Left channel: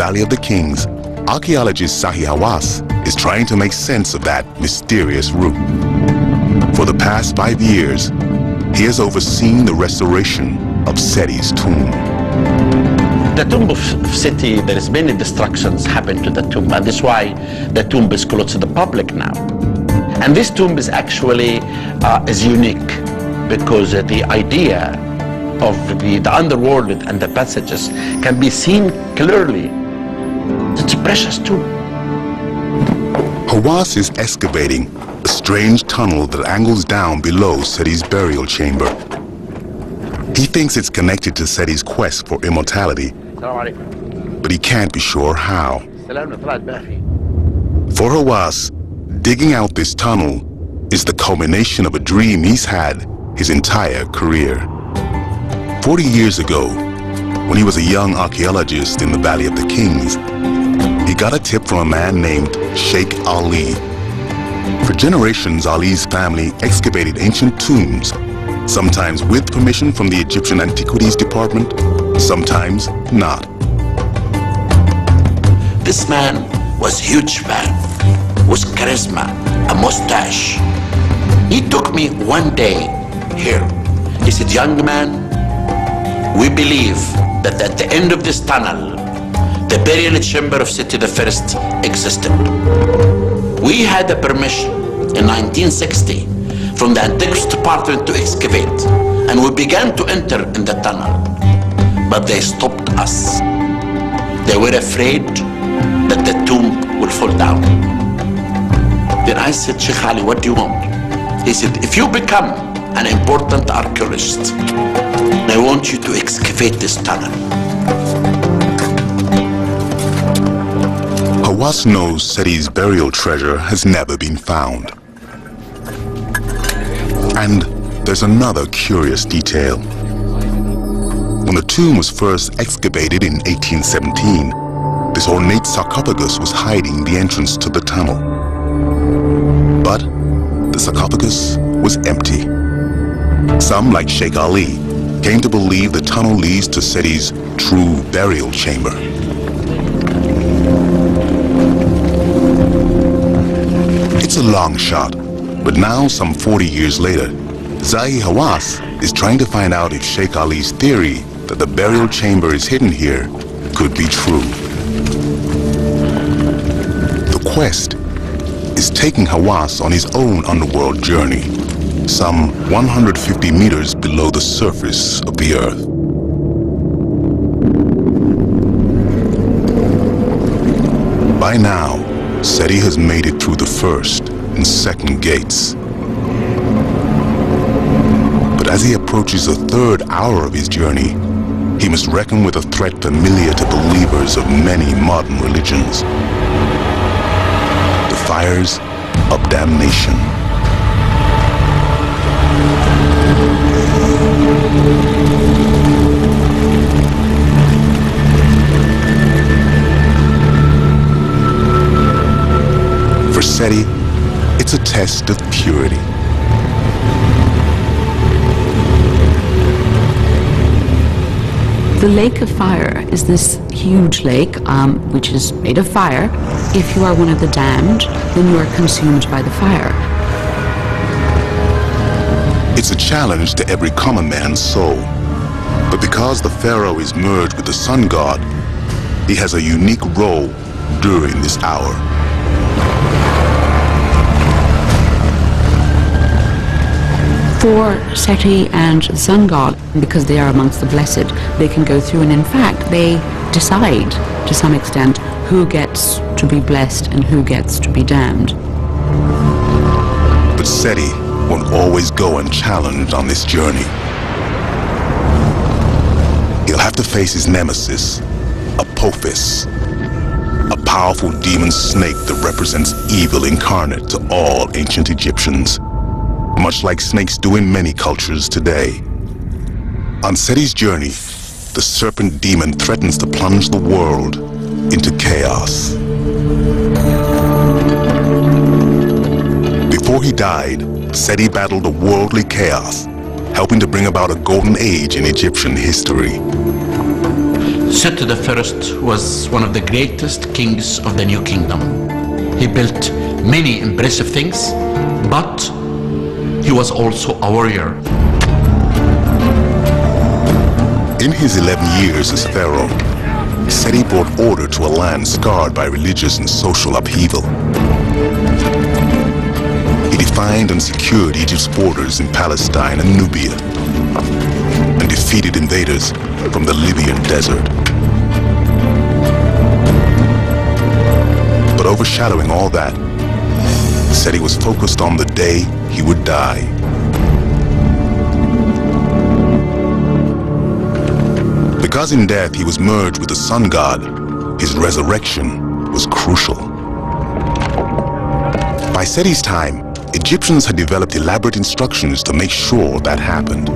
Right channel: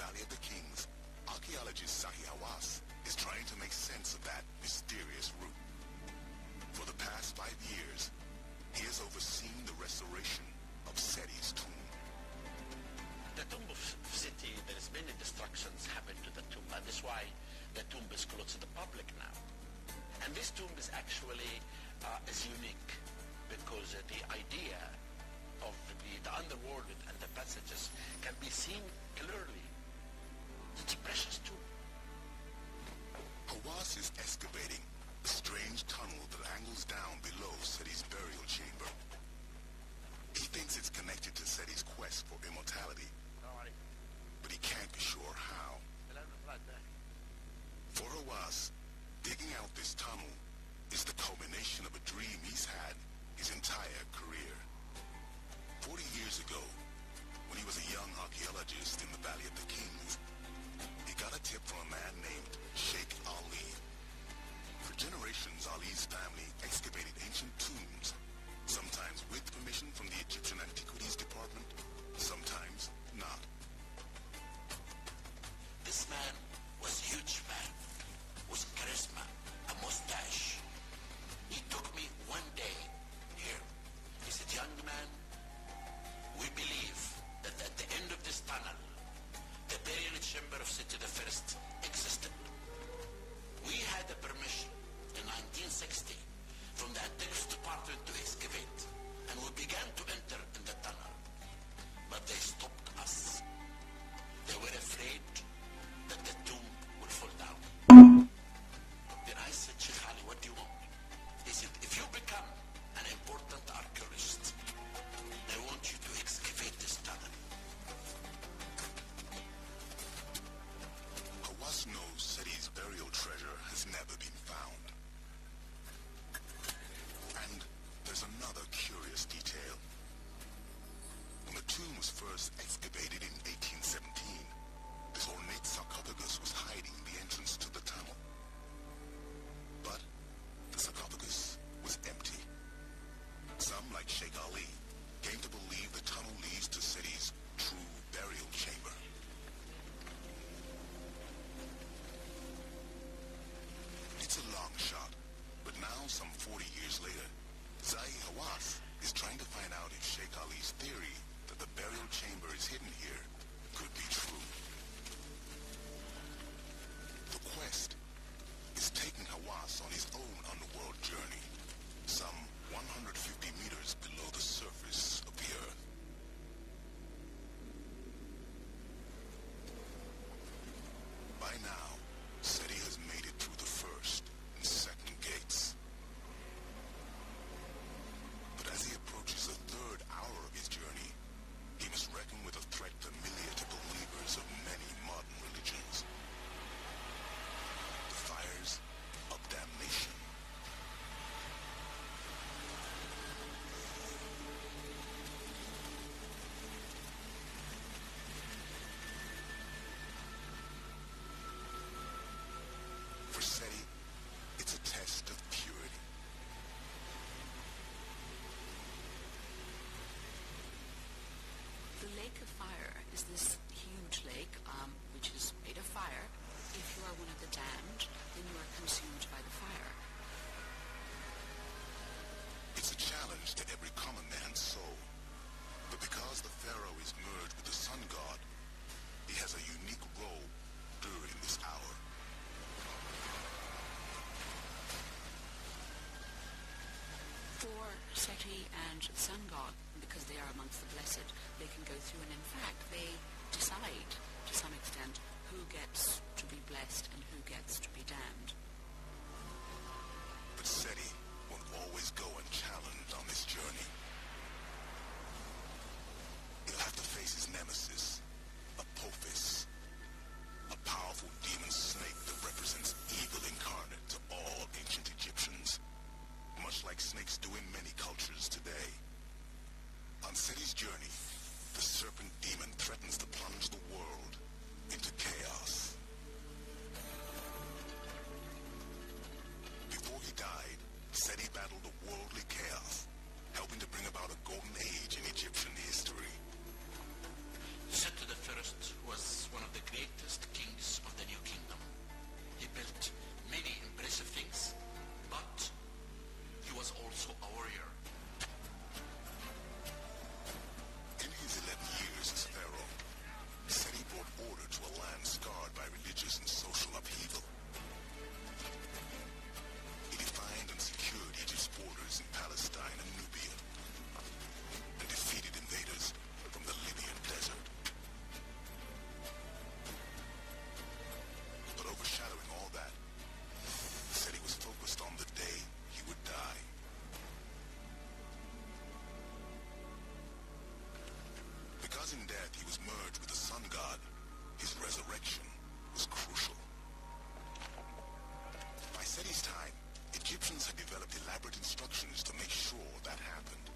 Valley of the Kings, archaeologist Zahi Hawass is trying to make sense of that mysterious route. For the past 5 years, he has overseen the restoration of Seti's tomb. The tomb of Seti, there is many destructions happened to the tomb, and that's why the tomb is closed to the public now. And this tomb is actually is unique because the idea of the underworld and the passages can be seen clearly. It's a precious tomb. Hawass is excavating a strange tunnel that angles down below Seti's burial chamber. He thinks it's connected to Seti's quest for immortality, but he can't be sure how. For Hawass, digging out this tunnel is the culmination of a dream he's had his entire career. 40 years ago, when he was a young archaeologist in the Valley of the Kings, he got a tip from a man named Sheikh Ali. For generations, Ali's family excavated ancient tombs, sometimes with permission from the Egyptian Antiquities Department, sometimes not. This man was a huge man, was charisma, a mustache. He took me one day here. He said, young man, we believe that at the end of this tunnel, the burial chamber of Seti I existed. We had a permission in 1960 from the Antiquities Department to excavate, and we began to enter in the tunnel, but they stopped us. They were afraid that the tomb will fall down. Then I said, Sheikh Ali, what do you want? He said, if you become an important archaeologist, I want you to excavate this tunnel. Hawass knows Seti's burial treasure has never been found. And there's another curious detail. When the tomb was first excavated in 1817, this ornate sarcophagus was hiding the entrance to the tunnel. But the sarcophagus was empty. Some, like Sheikh Ali, came to believe the tunnel leads to Seti's true burial chamber. It's a long shot, but now, some 40 years later, Zahi Hawass is trying to find out if Sheikh Ali's theory that the burial chamber is hidden here could be true. The quest is taking Hawass on his own underworld journey, some 150 meters below the surface of the Earth. By now, Seti has made it through the first and second gates. But as he approaches the third hour of his journey, he must reckon with a threat familiar to believers of many modern religions: the fires of damnation. For Seti, it's a test of purity. The Lake of Fire is this huge lake, which is made of fire. If you are one of the damned, then you are consumed by the fire. It's a challenge to every common man's soul. But because the pharaoh is merged with the sun god, he has a unique role during this hour. For Seti and the sun god, because they are amongst the blessed, they can go through, and in fact they decide to some extent who gets to be blessed and who gets to be damned. But Seti won't always go unchallenged on this journey. He'll have to face his nemesis, Apophis, a powerful demon snake that represents evil incarnate to all ancient Egyptians, much like snakes do in many cultures today. On Seti's journey, the serpent demon threatens to plunge the world into chaos. Before he died, Seti battled a worldly chaos, helping to bring about a golden age in Egyptian history. Seti I was one of the greatest kings of the New Kingdom. He built many impressive things, but he was also a warrior. In his 11 years as pharaoh, Seti brought order to a land scarred by religious and social upheaval. He defined and secured Egypt's borders in Palestine and Nubia, and defeated invaders from the Libyan desert. But overshadowing all that, Seti was focused on the day he would die. Because in death he was merged with the sun god, his resurrection was crucial. By Seti's time, Egyptians had developed elaborate instructions to make sure that happened.